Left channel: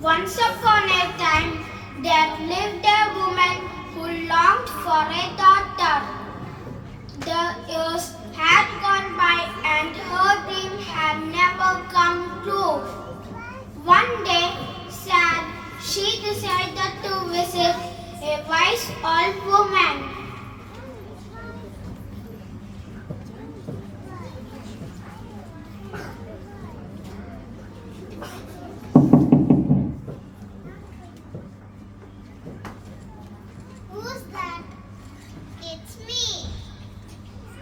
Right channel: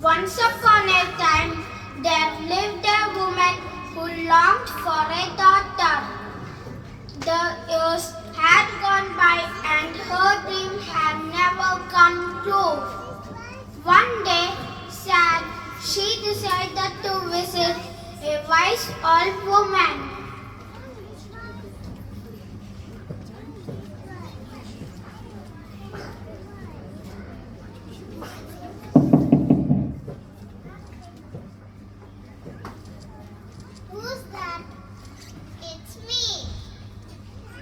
Once upon a time, there lived a woman who longed for a daughter. The years had gone by and her dream had never come true. One day, sad, she decided to visit a wise old woman. Who's that? It's me.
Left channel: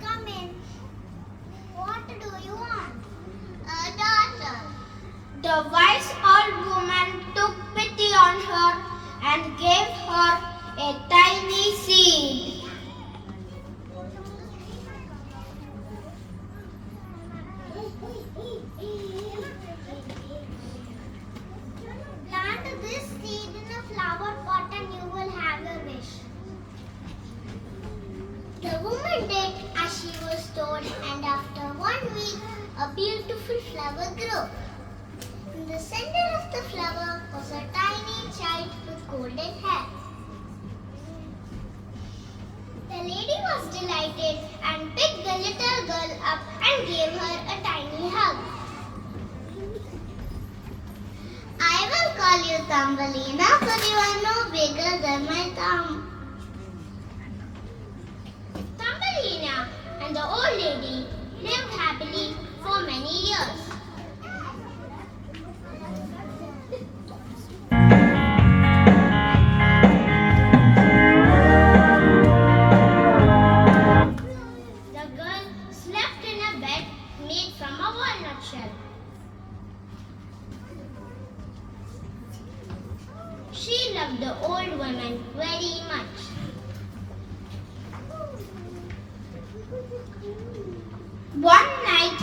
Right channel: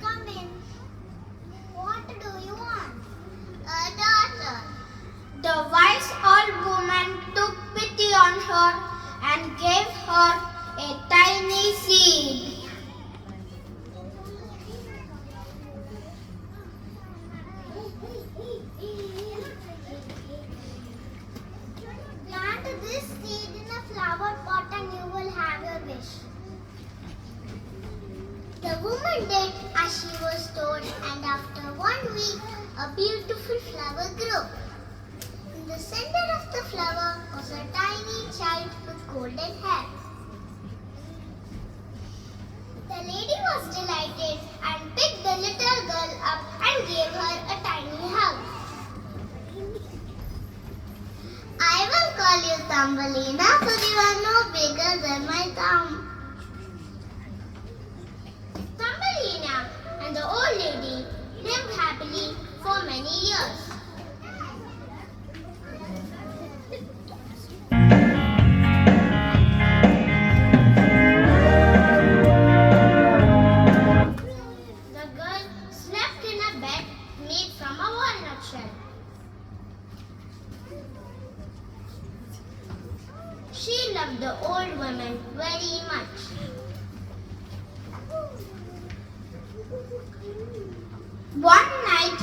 Come in. What do you want? A daughter. The wise old woman took pity on her and gave her a tiny seed. Plant this seed in a flower pot and you will have your wish. The woman did as she was told, and after 1 week, a beautiful flower grew. In the center of the flower was a tiny child with golden hair. The lady was delighted and picked the little girl up and gave her a tiny hug. I will call you Thumbelina, for you are no bigger than my thumb. Thumbelina and the old lady lived happily for many years. The girl slept in a bed made from a walnut shell. She loved the old woman very much. One night,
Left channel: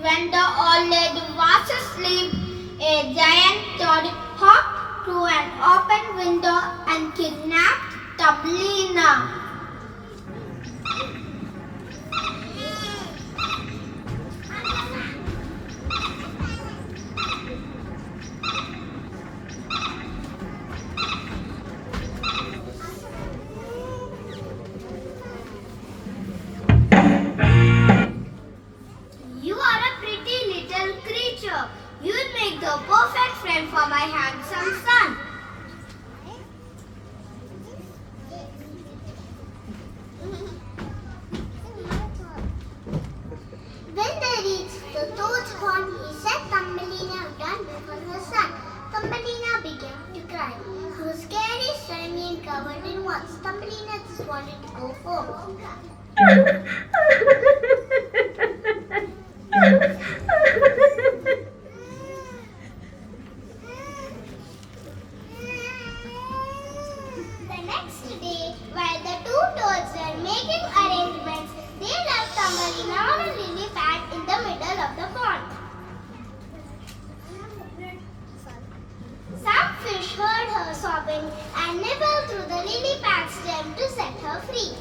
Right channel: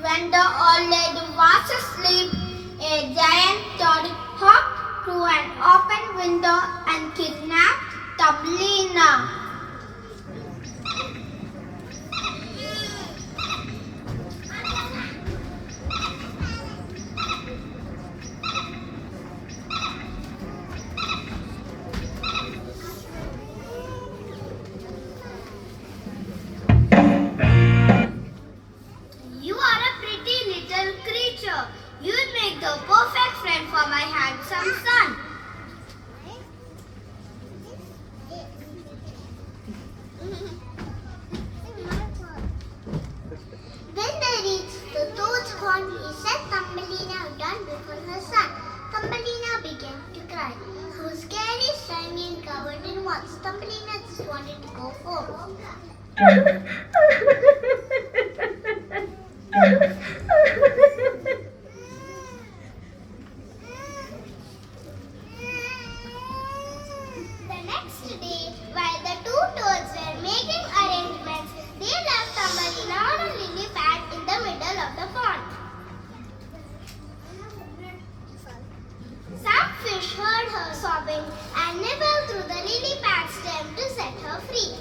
when the old lady was asleep, a giant toad hopped through an open window and kidnapped Thumbelina. You are a pretty little creature. You'd make the perfect friend for my handsome son. When they reached the toad's pond, he set Thumbelina down before her son. Thumbelina began to cry. She was scary, shiny, and covered in wax. Thumbelina just wanted to go home. The next day, while the two toads were making arrangements, they left Thumbelina on a lily pad in the middle of the pond. Some fish heard her sobbing and nibbled through the lily pad stem to set her free.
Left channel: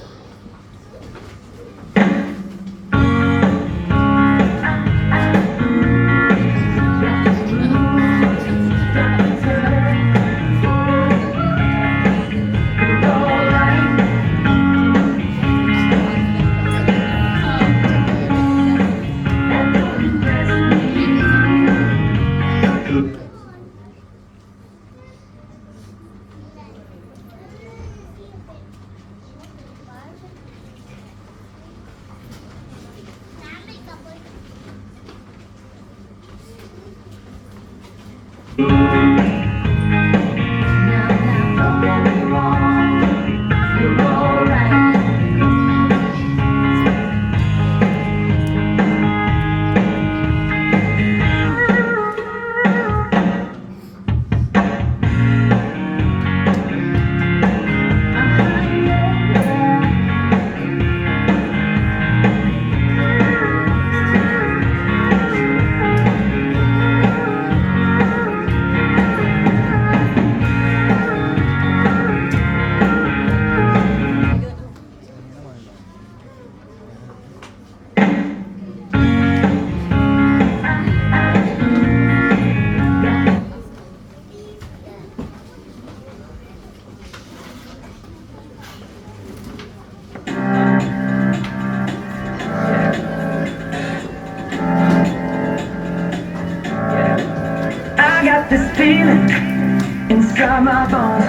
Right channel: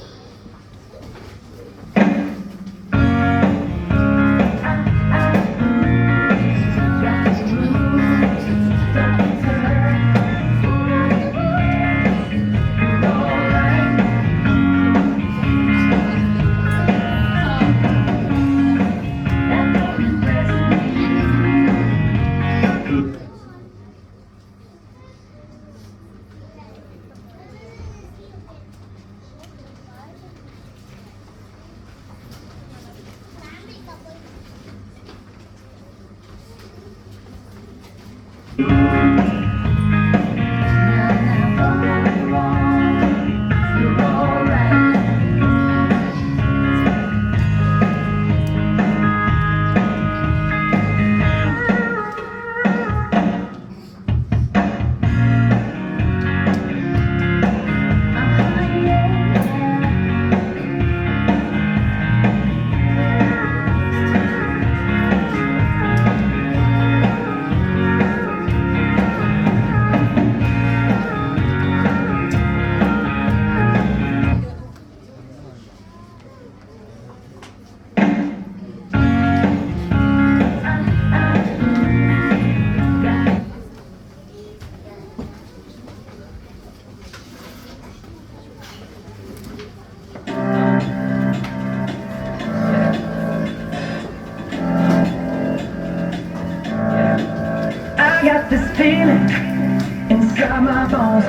my bones.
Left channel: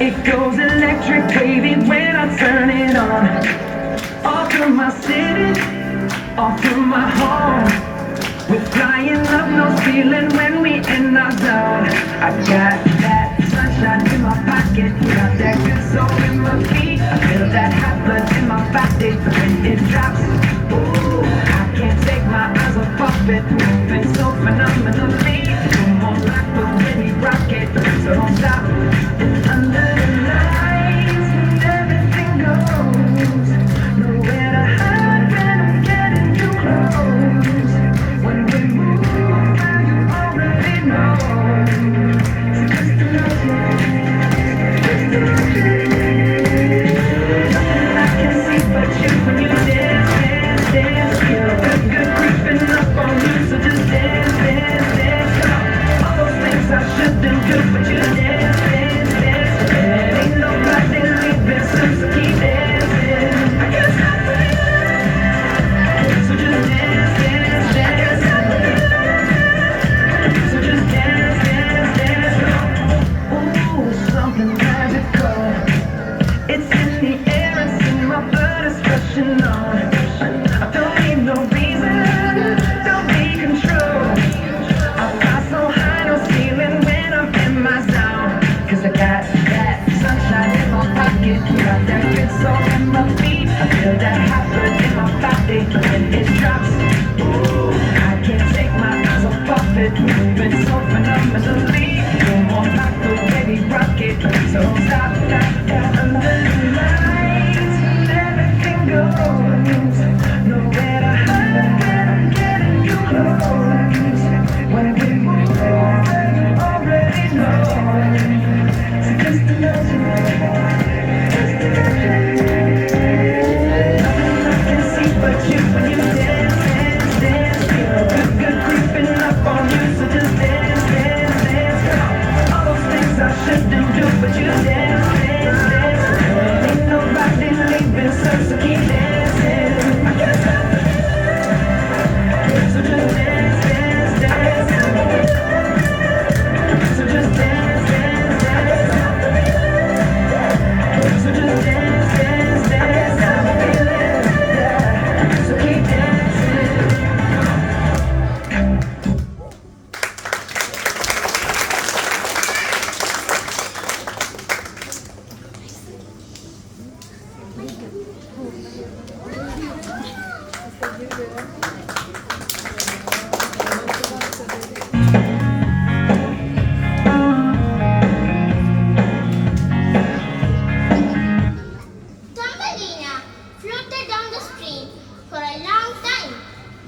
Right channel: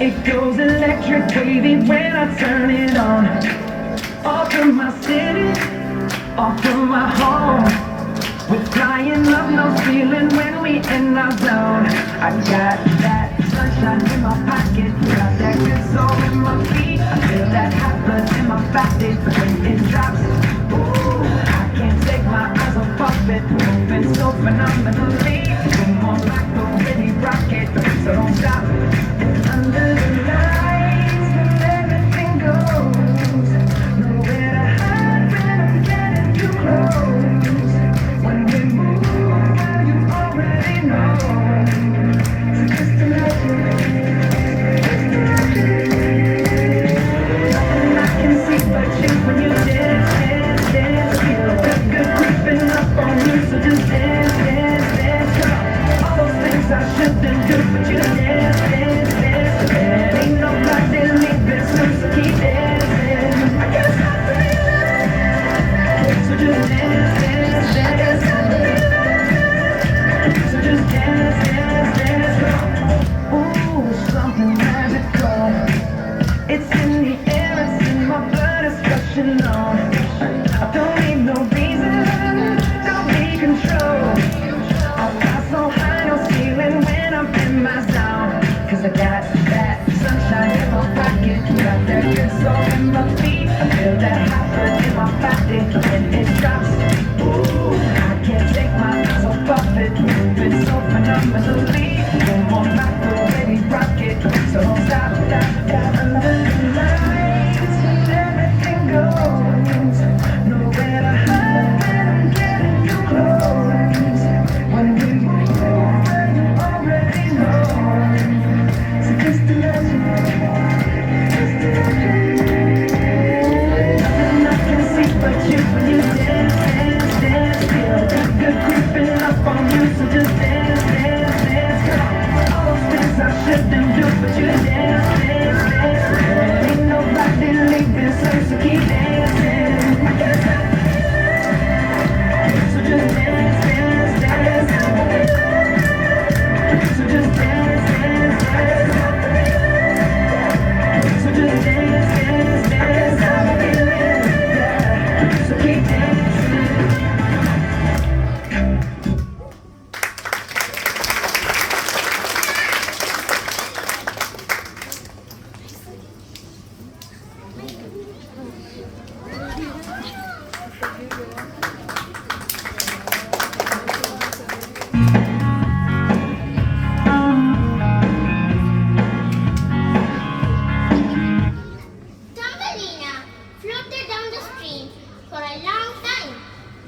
It goes electric, baby, when I turn it on. All through my city, all through my home. We're flying up, no ceiling when we in our zone. I've got that sunshine in my pocket, got that good soul in my feet. I feel that hot blood in my body when it drops. Ooh, I can't take my eyes off it, moving so phenomenally. Come on, like the way we rock it, so don't stop. Under the lights, and everything goes. Nowhere to hide when I'm getting too close. When we move, girl, you already know. So just imagine, nothing I can see but you when you dance, dance, dance. Feel good, good creeping up on you, so just dance, dance, dance. Come on, all those things I shouldn't do, but you dance, dance, dance. And ain't nobody leaving soon, so keep dancing. I can't stop it, so just dance, dance, dance. So just dance, dance, dance. Ooh, something magical. It's in the air, it's in my blood, it's rushing on. I don't need no reason, don't need control. I fly so high, no ceiling when I'm in my zone. 'Cause I got that sunshine in my pocket, got that good soul in my feet. I feel that hot blood in my body when it drops. Ooh, I can't take my eyes off it, moving so phenomenally. Come on, like the way we rock it, so don't stop, stop, stop. Under the lights, everything goes. Nowhere to hide when I'm getting too close. When we move, girl, you already know. So just imagine, nothing I can see but you when you dance, dance, dance. Feel good, good creeping up on you, so just dance, dance, dance. All those things I shouldn't do, but you dance, dance, dance. Ain't nobody leaving soon, so keep dancing. I can't stop it, so just dance, dance, dance. So just dance, dance, dance. So just dance, dance, dance. I'm feeling, yeah. So keep dancing. Thumbelina floated down the stream for a long time,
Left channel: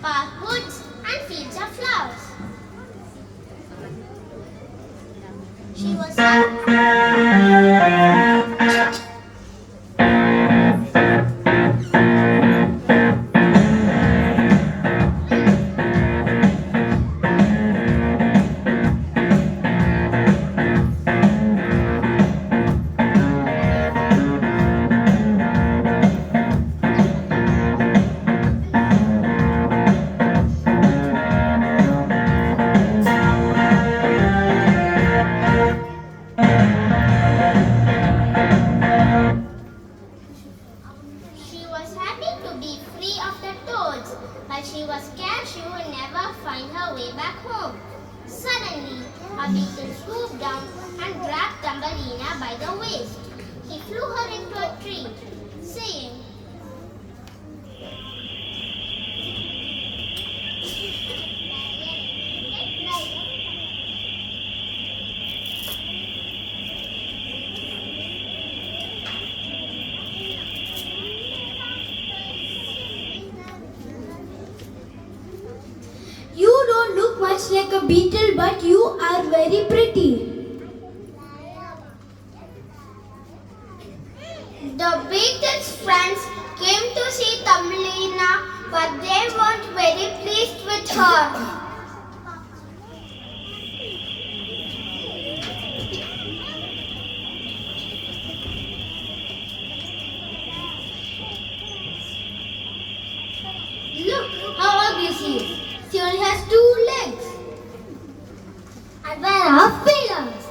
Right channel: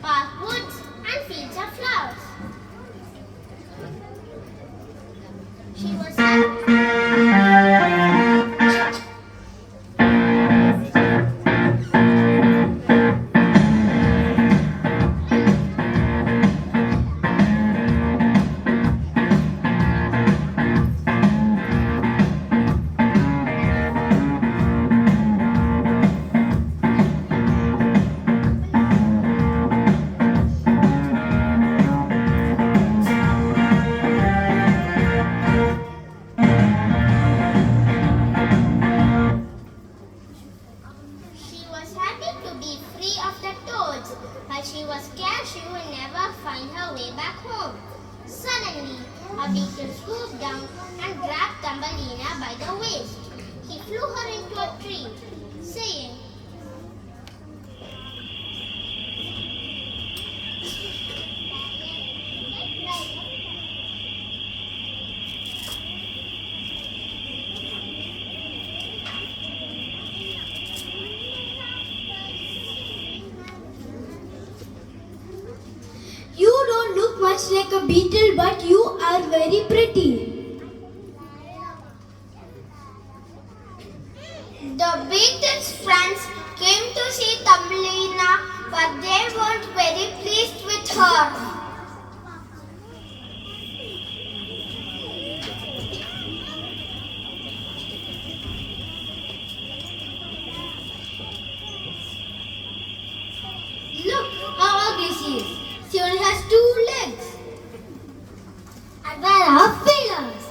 past woods and fields of flowers. She was She was happy to be free of the toads, but she was scared she would never find her way back home. Suddenly, a beetle swooped down and grabbed Thumbelina by the waist. He flew her into a tree, saying, You don't look much like a beetle, but you are very pretty. The beetle's friends came to see Thumbelina, but they weren't very pleased with her. Look how ugly she is. She only has 2 legs. And where are feelers?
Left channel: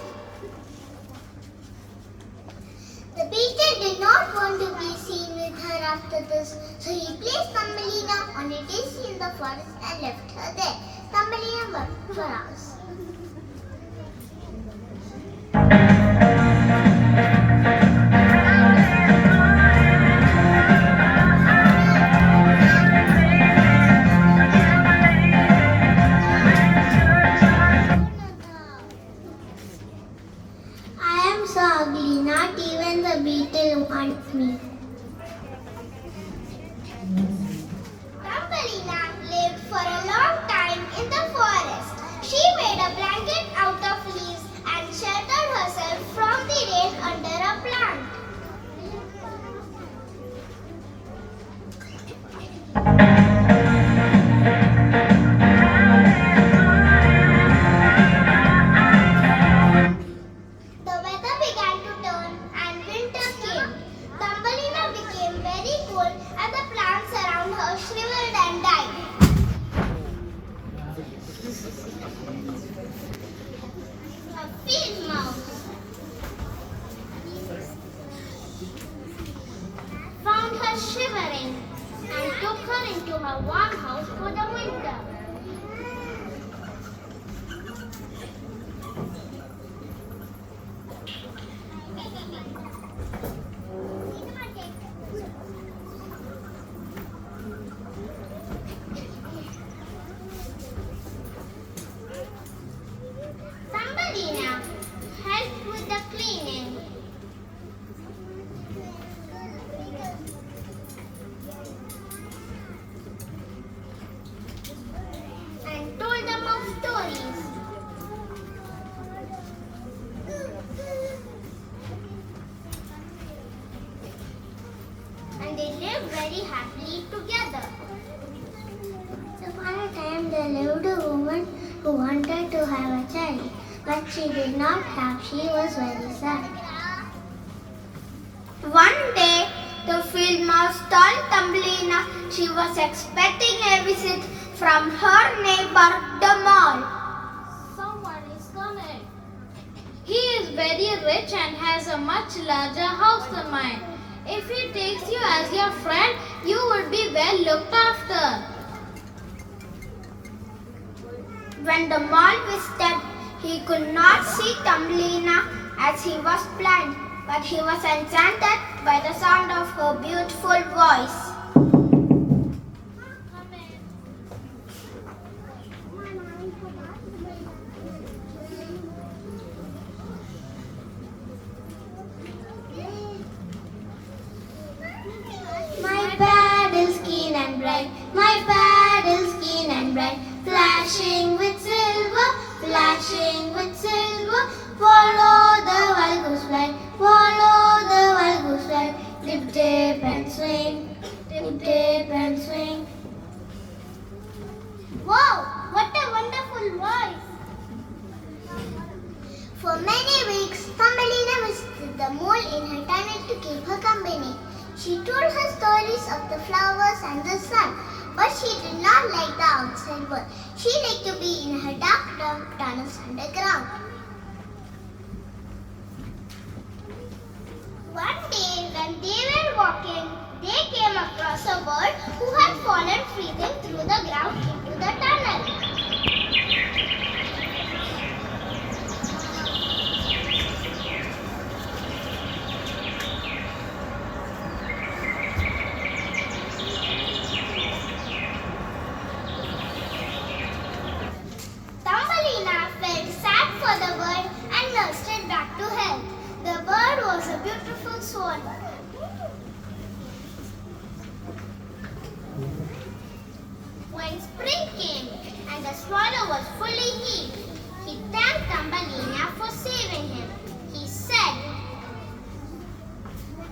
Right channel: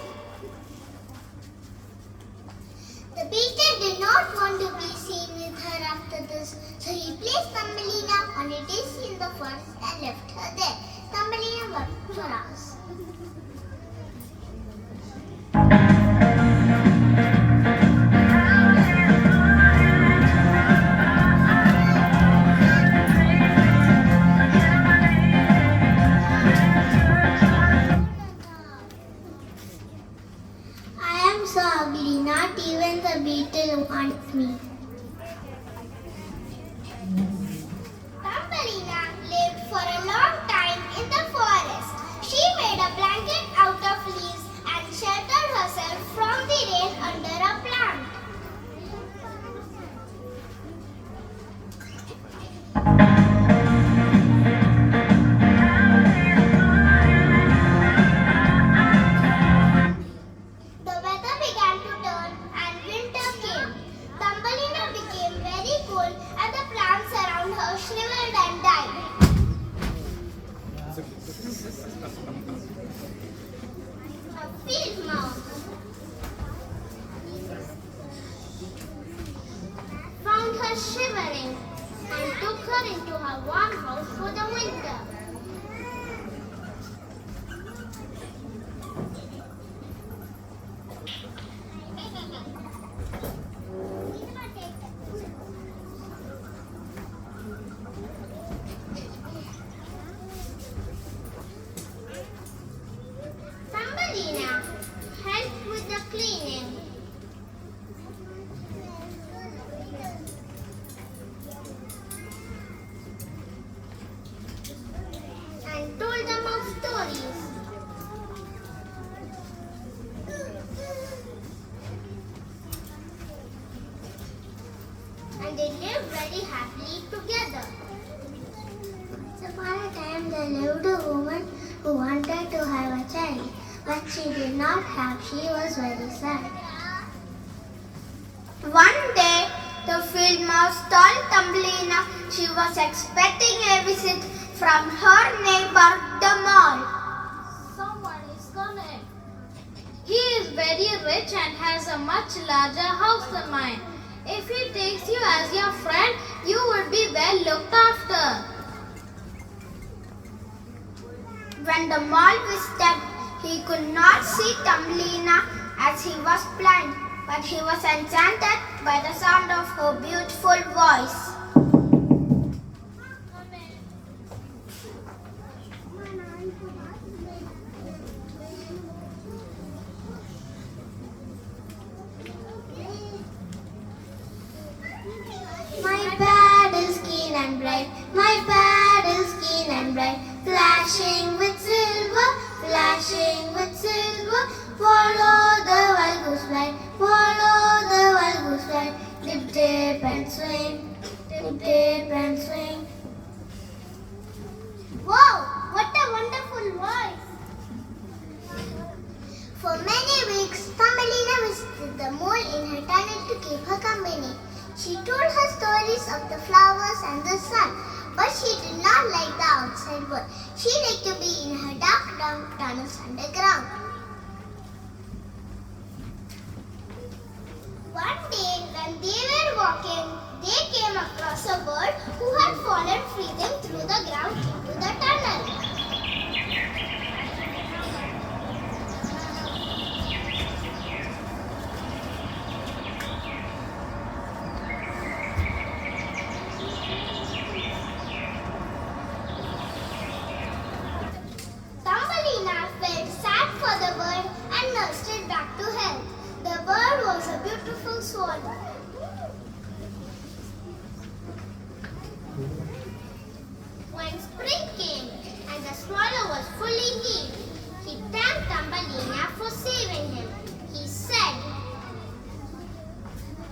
stories. And they lived very happily together. Once upon a time, there lived a woman who wanted to have a child, but she did not have. She was very sad. One day, the field mouse told Thumbelina she was expecting a visit from her neighbor, the mole. Someone is coming. He is very rich and has a much larger house than mine. If he takes you as your friend, you will be well looked after. When the mole visited, he could not see Thumbelina as he was blind, but he was enchanted by the sound of her beautiful voice. My paddle's keen and bright, my paddle's keen and bright, flashing with silver, flashing with silver. Follow the wild goose flight, follow the wild goose flight. Dip, dip and swing, dip, dip and swing. Wow, what a wonderful voice! For many weeks, Thumbelina visited the mole in her tunnel to keep her company. She told her stories of the flowers and the sun, but she did not like the outside world. She liked to be in her dark tunnels underground. One day, when they were walking, they came across a bird who had fallen freezing through the ground into the tunnel. Thumbelina felt sad for the bird and nursed it back to health. The bird was a beautiful swan. When spring came and the swallow was fully healed, he thanked Thumbelina for saving him. He said,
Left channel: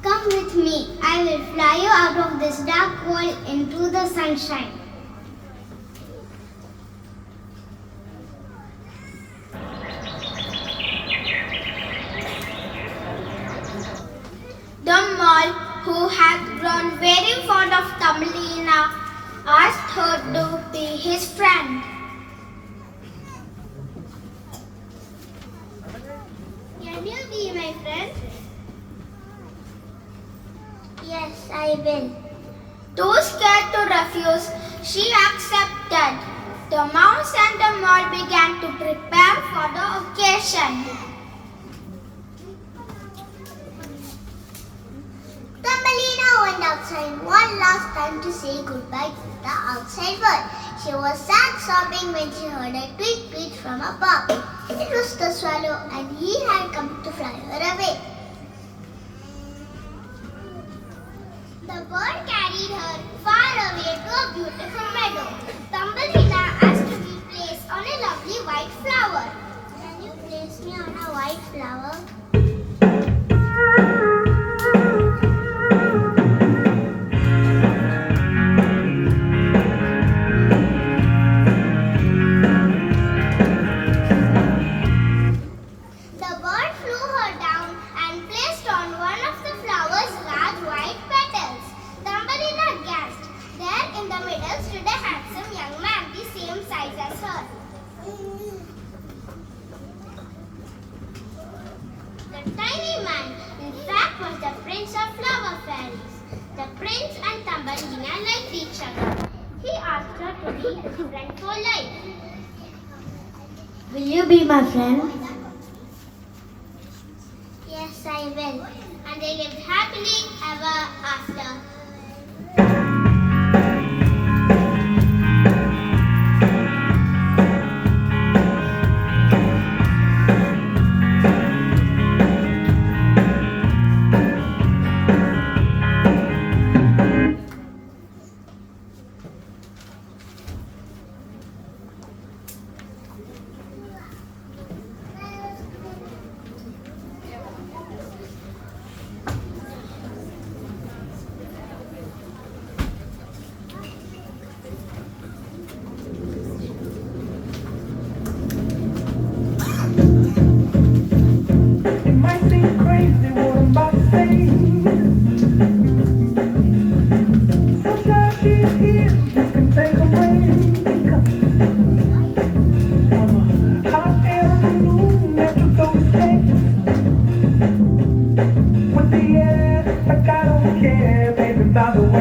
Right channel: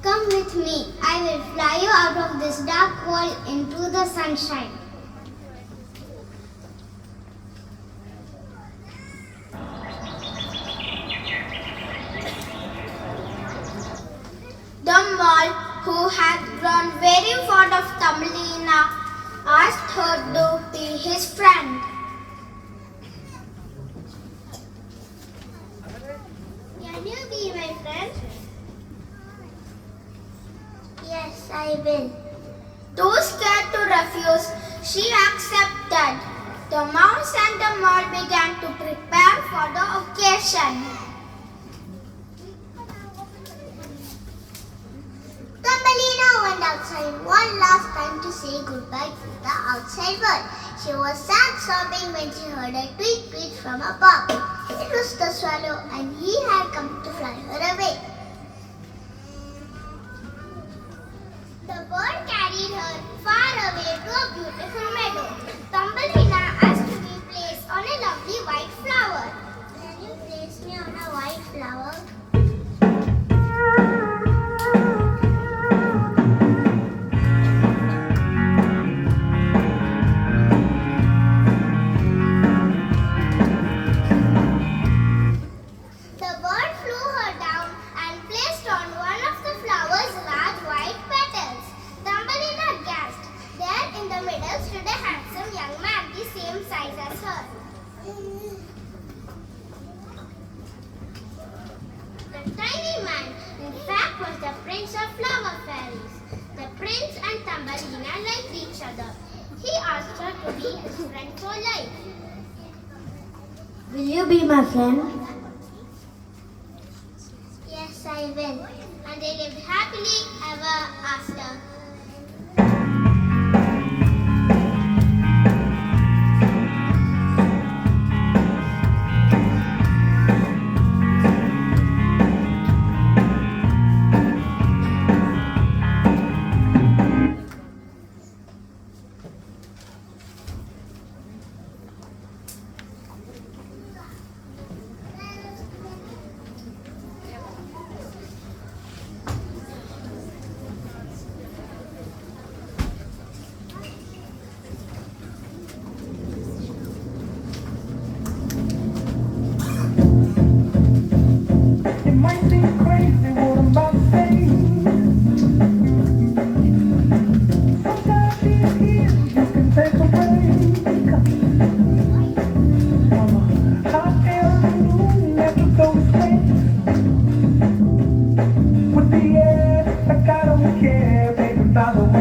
"Come with me. I will fly you out of this dark world into the sunshine." The mole, who had grown very fond of Thumbelina, asked her to be his friend. Can you be my friend? Yes, I will. Too scared to refuse, she accepted. The mouse and the mole began to prepare for the occasion. Thumbelina went outside one last time to say goodbye to the outside world. She was sad sobbing when she heard a tweet tweet from above. It was the swallow and he had come to fly her away. The bird carried her far away to a beautiful meadow. Thumbelina asked to be placed on a lovely white flower. Can you place me on a white flower? The bird flew her down and placed on one of the flower's large white petals. Thumbelina gasped. There in the middle stood a handsome young man, the same size as her. The tiny man, in fact, was the prince of flower fairies. The prince and Thumbelina liked each other. He asked her to be his friend for life. Will you be my friend? Yes, I will. And they lived happily ever after.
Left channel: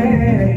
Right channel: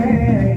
yeah.